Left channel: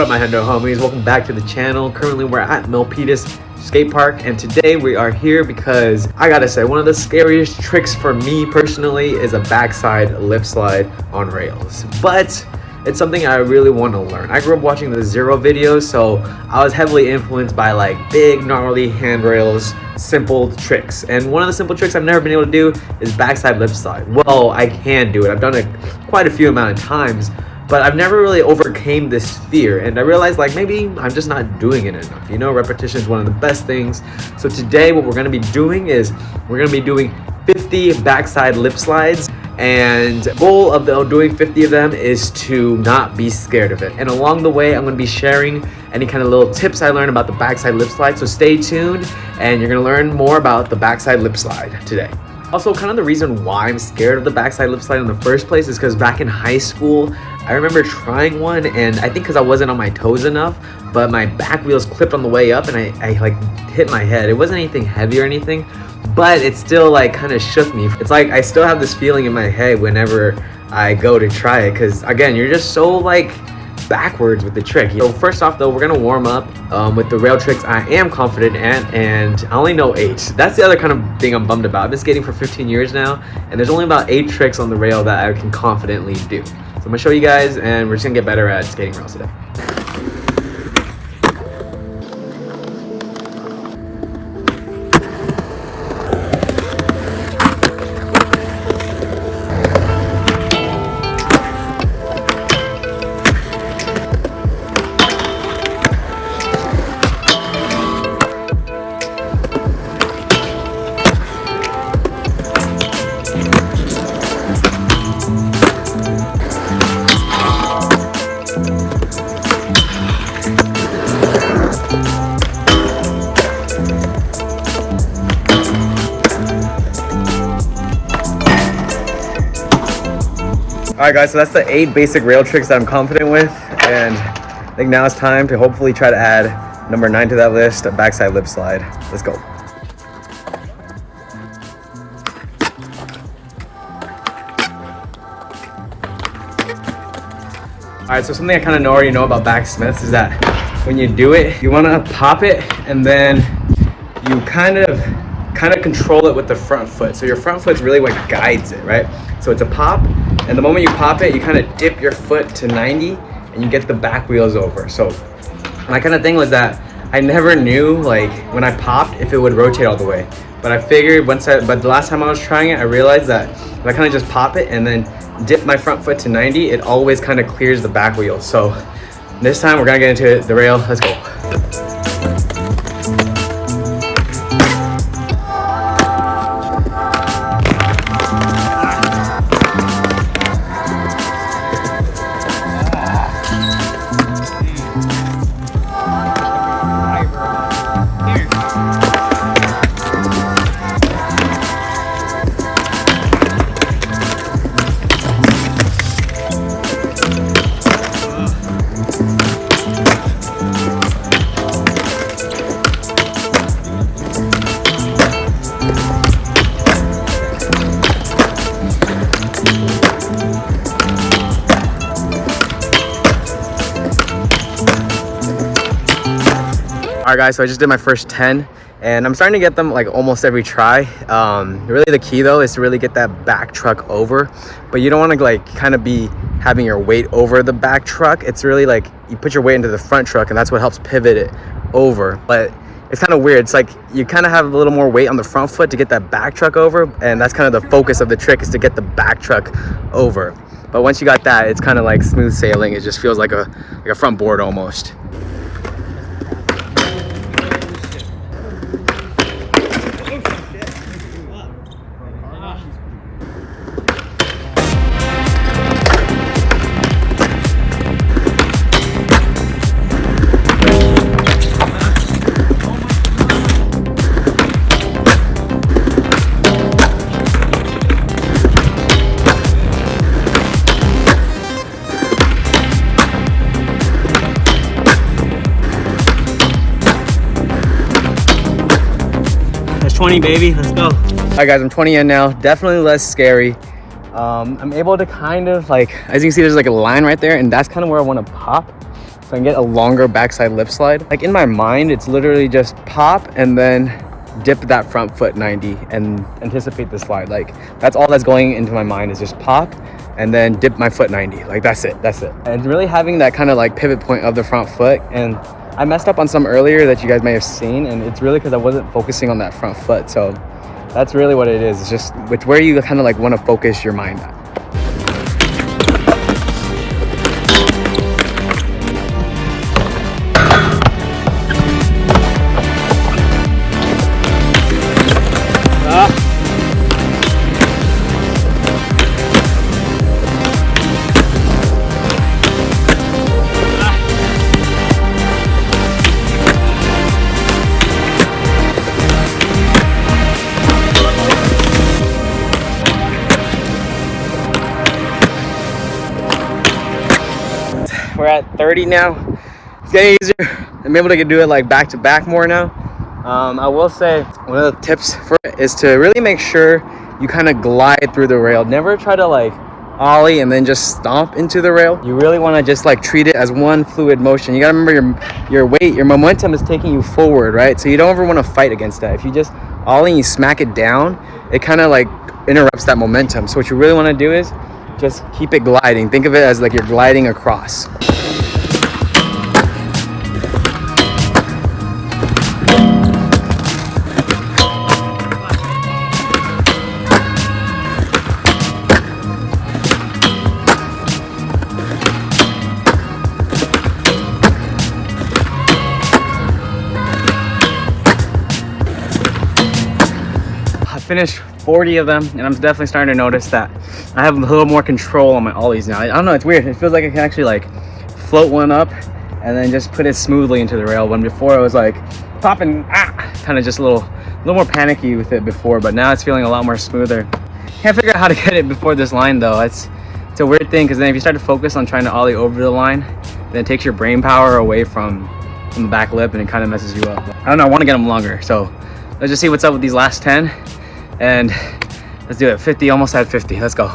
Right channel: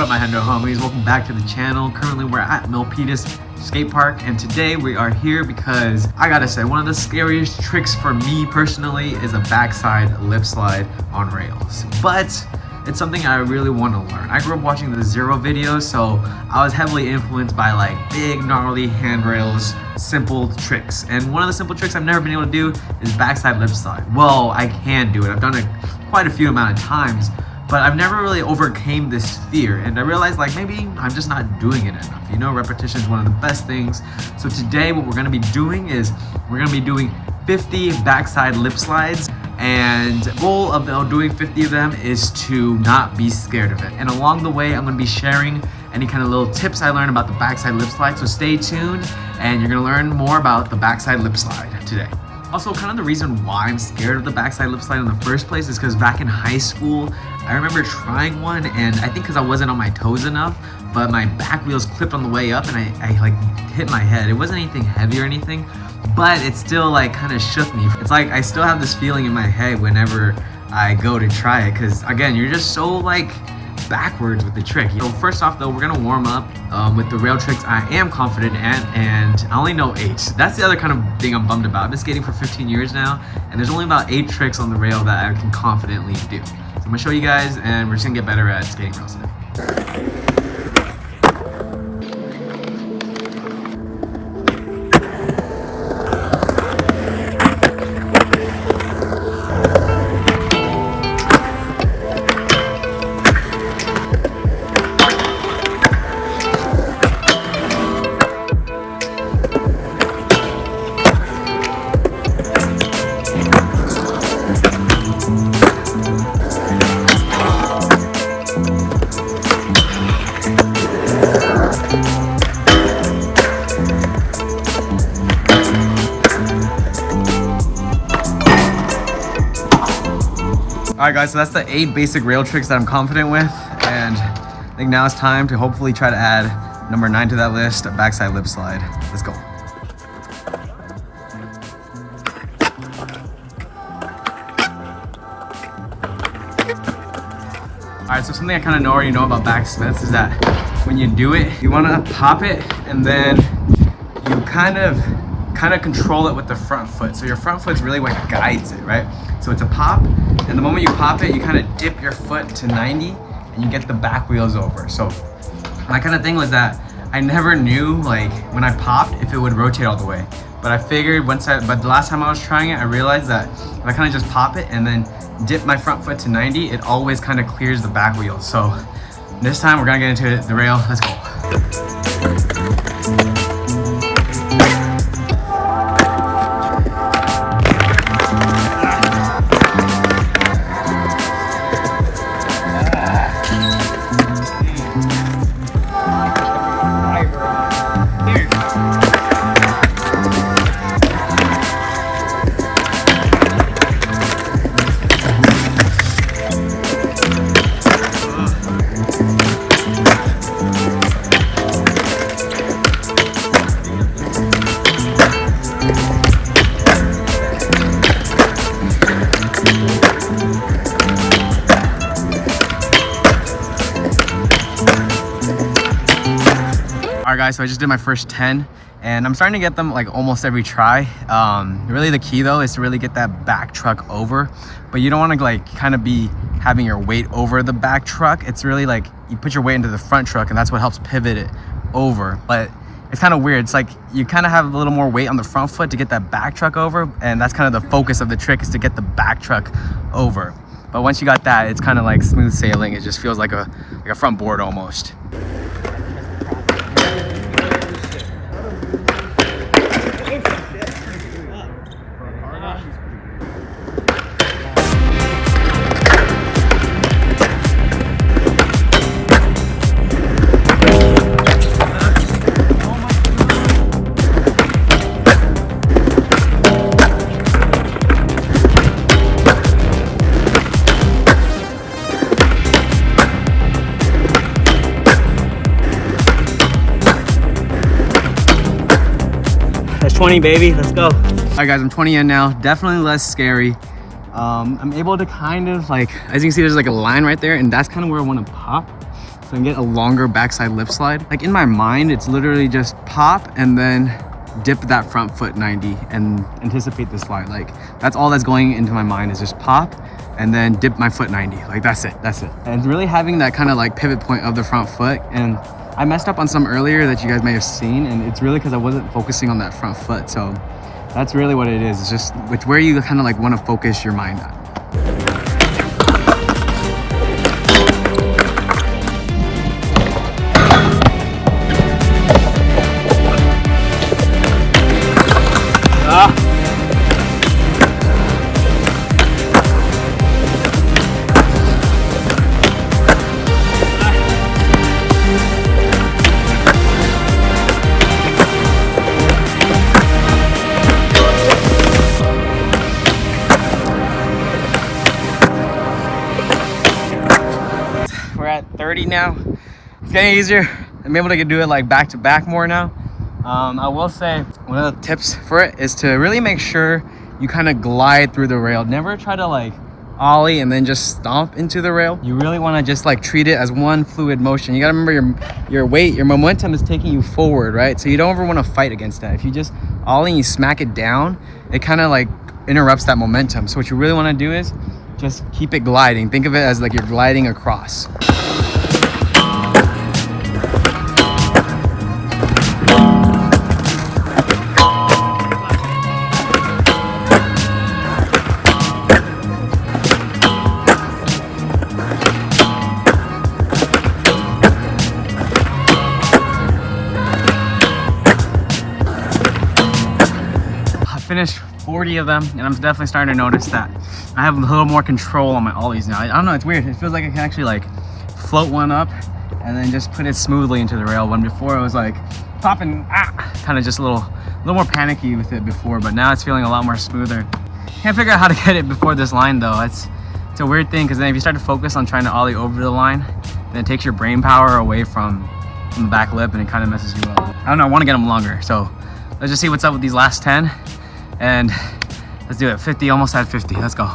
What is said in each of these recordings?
What up, my Hendo homies? Welcome back to the channel. Currently we're at Milpitas Skatepark, and today we are here because I gotta say, one of the scariest tricks for me personally is a backside lip slide on rails. But it's something I really want to learn. I grew up watching the Zero videos, so I was heavily influenced by like big, gnarly handrails, simple tricks. And one of the simple tricks I've never been able to do is backside lip slide. Well, I can do it. I've done it quite a few amount of times, but I've never really overcame this fear. And I realized like maybe I'm just not doing it enough. You know, repetition is one of the best things. So today what we're gonna be doing is we're gonna be doing 50 backside lip slides. And the goal of doing 50 of them is to not be scared of it. And along the way, I'm gonna be sharing any kind of little tips I learned about the backside lip slide. So stay tuned and you're gonna learn more about the backside lip slide today. Also, kind of the reason why I'm scared of the backside lip slide in the first place is because back in high school, I remember trying one, and I think because I wasn't on my toes enough, but my back wheels clipped on the way up and I like hit my head. It wasn't anything heavy or anything, but it still like kind of shook me. It's like I still have this feeling in my head whenever I go to try it, because again, you're just so like backwards with the trick. So first off though, we're gonna warm up with the rail tricks I am confident at, and I only know 8. That's the other kind of thing I'm bummed about. I've been skating for 15 years now, and there's only about 8 tricks on the rail that I can confidently do. So I'm gonna show you guys, and we're just gonna get better at skating rails today. Alright guys, so that's the 8 basic rail tricks that I'm confident with, and I think now it's time to hopefully try to add number 9 to that list, a backside lip slide. Let's go. Alright, so something I kind of already know about backsmiths is that when you do it, you want to pop it, and then you kind of control it with the front foot. So your front foot's really what guides it, right? So it's a pop, and the moment you pop it, you kind of dip your foot to 90 and you get the back wheels over. So my kind of thing was that I never knew like when I popped if it would rotate all the way. But I figured but the last time I was trying it, I realized that if I kind of just pop it and then dip my front foot to 90, it always kind of clears the back wheels. So this time we're gonna get into the rail. Let's go. Alright guys, so I just did my first 10 and I'm starting to get them like almost every try. Really the key though is to really get that back truck over, but you don't want to like kind of be having your weight over the back truck. It's really like you put your weight into the front truck and that's what helps pivot it over. But it's kind of weird. It's like you kind of have a little more weight on the front foot to get that back truck over, and that's kind of the focus of the trick, is to get the back truck over. But once you got that, it's kind of like smooth sailing. It just feels like a front board almost. That's 20, baby. Let's go. All right, guys, I'm 20 in now. Definitely less scary. I'm able to kind of like, as you can see, there's like a line right there, and that's kind of where I want to pop. if I can get a longer backside lip slide. Like in my mind, it's literally just pop and then dip that front foot 90 and anticipate the slide. Like that's all that's going into my mind, is just pop and then dip my foot 90. Like that's it. And really having that kind of like pivot point of the front foot. And I messed up on some earlier that you guys may have seen, and it's really because I wasn't focusing on that front foot. So that's really what it is. It's just it's where you kind of like want to focus your mind at. We're at 30 now. It's getting easier. I'm able to do it like back to back more now. I will say one of the tips for it is to really make sure you kind of glide through the rail. Never try to like ollie and then just stomp into the rail. You really want to just like treat it as one fluid motion. You gotta remember your weight, your momentum is taking you forward, right? So you don't ever want to fight against that. If you just ollie and you smack it down, it kind of like interrupts that momentum. So what you really want to do is just keep it gliding. Think of it as like you're gliding across. Finished 40 of them, and I'm definitely starting to notice that I have a little more control on my ollies now. I don't know, it's weird. It feels like I can actually like float one up and then just put it smoothly into the rail, when before it was like popping, kind of just a little more panicky with it before, but now it's feeling a lot more smoother. Can't figure out how to get it before this line though. It's a weird thing, because then if you start to focus on trying to ollie over the line, then it takes your brain power away from the back lip and it kind of messes you up. I don't know, I want to get them longer, so let's just see what's up with these last 10. And let's do it. 50, almost at 50. Let's go.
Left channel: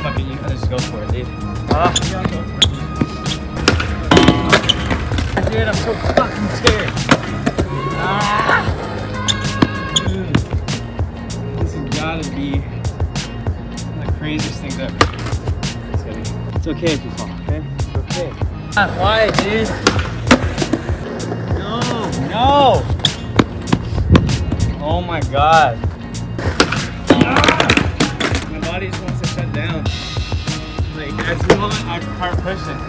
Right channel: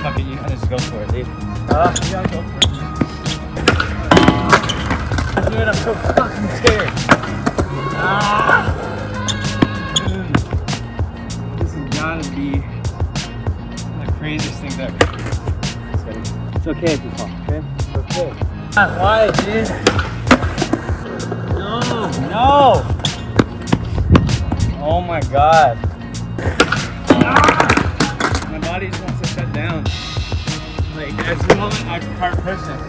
Fuck it, you gotta just go for it, dude. Yeah, go for it. Dude, I'm so fucking scared. This has gotta be craziest things ever. So it's okay if you fall, okay? It's okay. Why, dude? No! Oh my god. My body just wants to shut down. Like, at the moment, I start pushing.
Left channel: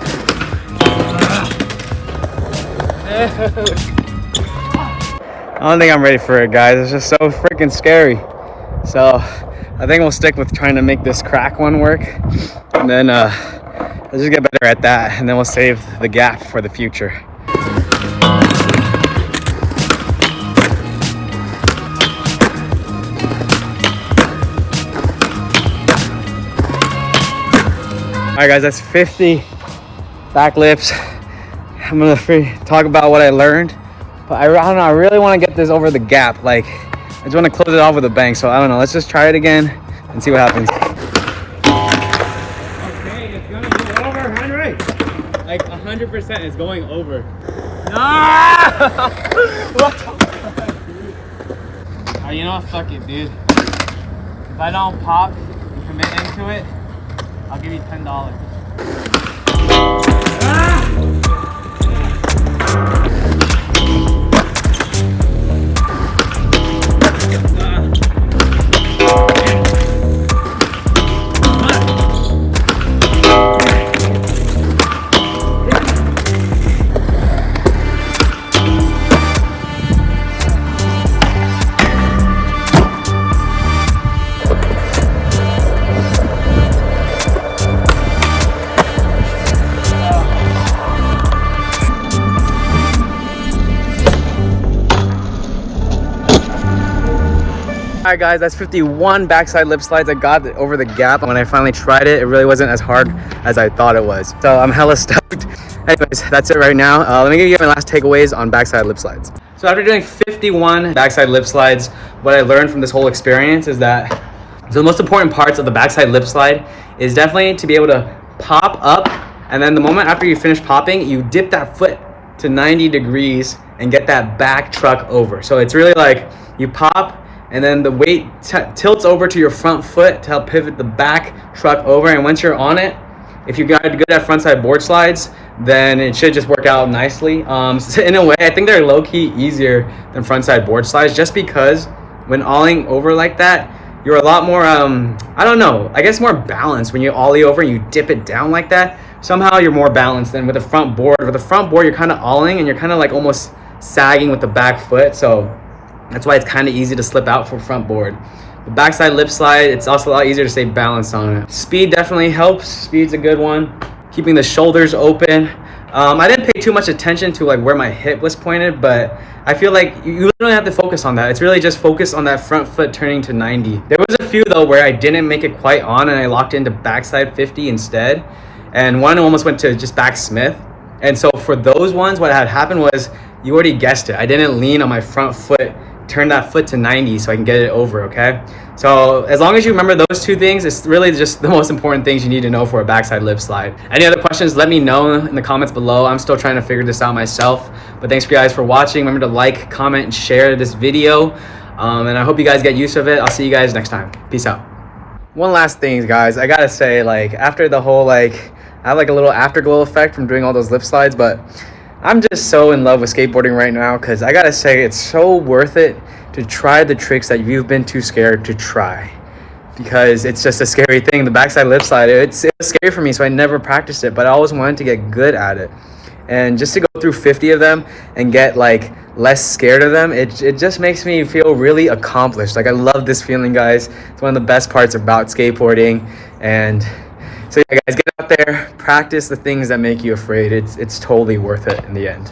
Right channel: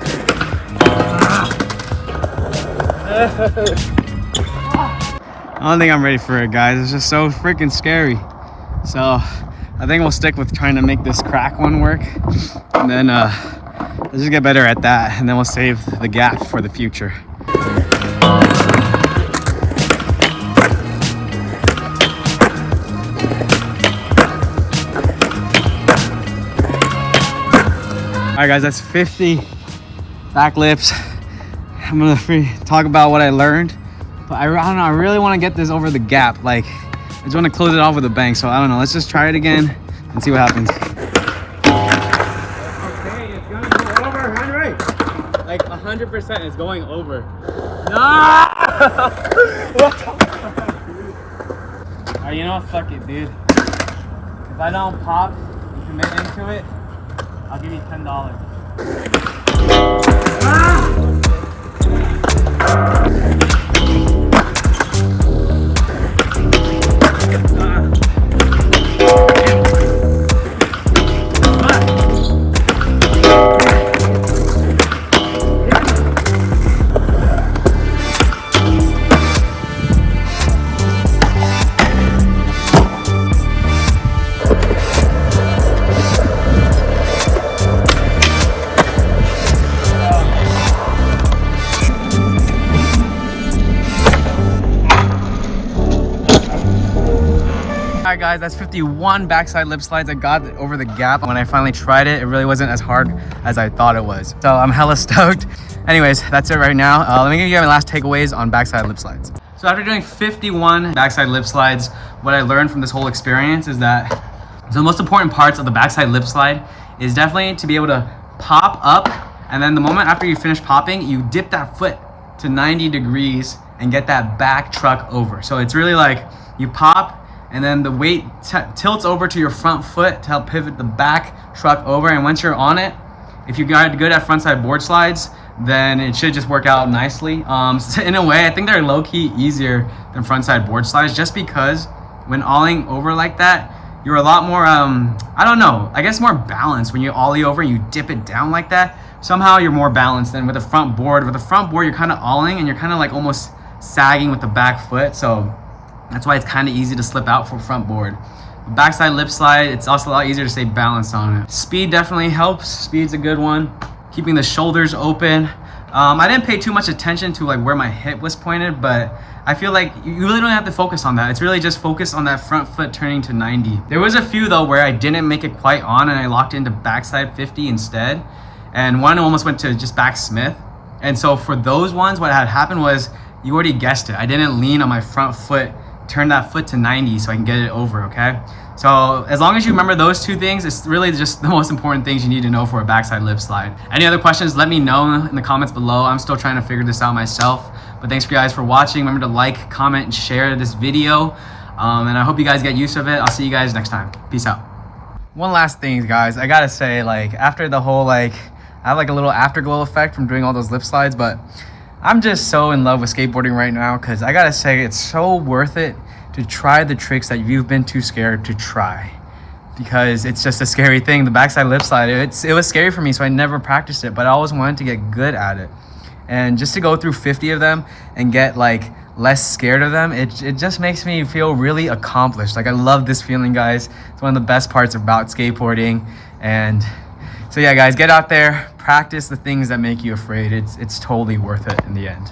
I don't think I'm ready for it, guys. It's just so freaking scary. So I think we'll stick with trying to make this crack one work, and then let's just get better at that, and then we'll save the gap for the future. All right, guys, that's 50 back lips. I'm gonna talk about what I learned, but I don't know, I really want to get this over the gap. Like, I just want to close it off with a bang, so I don't know. Let's just try it again and see what happens. Okay, it's gonna go over, Henry. Like 100%, it's going over. No! What the fuck, dude? Alright, you know what? Fuck it, dude. If I don't pop and commit into it, I'll give you $10. Alright guys, that's 51 backside lip slides. I got over the gap. When I finally tried it, it really wasn't as hard as I thought it was. So I'm hella stoked. Anyways, that's it right now. Let me give you my last takeaways on backside lip slides. So after doing 51 backside lip slides, what I learned from this whole experience is that the most important parts of the backside lip slide is definitely to be able to pop up, and then the moment after you finish popping, you dip that foot to 90 degrees and get that back truck over. So it's really like you pop and then the weight tilts over to your front foot to help pivot the back truck over, and once you're on it, if you got good at frontside board slides, then it should just work out nicely. So in a way, I think they're low-key easier than frontside board slides, just because when olling over like that, you're a lot more, I don't know, I guess more balanced. When you ollie over and you dip it down like that, somehow you're more balanced than with a front board. With a front board, you're kind of olling and you're kind of like almost sagging with the back foot. So that's why it's kind of easy to slip out for front board. The backside lip slide, it's also a lot easier to stay balanced on it. Speed definitely helps. Speed's a good one. Keeping the shoulders open. I didn't pay too much attention to like where my hip was pointed, but I feel like you really don't have to focus on that. It's really just focus on that front foot turning to 90. There was a few though where I didn't make it quite on and I locked into backside 50 instead. And one almost went to just back Smith. And so for those ones, what had happened was, you already guessed it, I didn't lean on my front foot, turn that foot to 90 so I can get it over, okay? So as long as you remember those two things, it's really just the most important things you need to know for a backside lip slide. Any other questions, let me know in the comments below. I'm still trying to figure this out myself. But thanks for you guys for watching. Remember to like, comment, and share this video. And I hope you guys get use of it. I'll see you guys next time. Peace out. One last thing, guys. I gotta say, like, after the whole, like, I have like a little afterglow effect from doing all those lip slides, but I'm just so in love with skateboarding right now, because I gotta say it's so worth it to try the tricks that you've been too scared to try, because it's just a scary thing. The backside lip slide, it was scary for me, so I never practiced it, but I always wanted to get good at it. And just to go through 50 of them and get like less scared of them, it just makes me feel really accomplished. Like, I love this feeling, guys. It's one of the best parts about skateboarding. And so yeah, guys, get out there, practice the things that make you afraid. It's totally worth it in the end.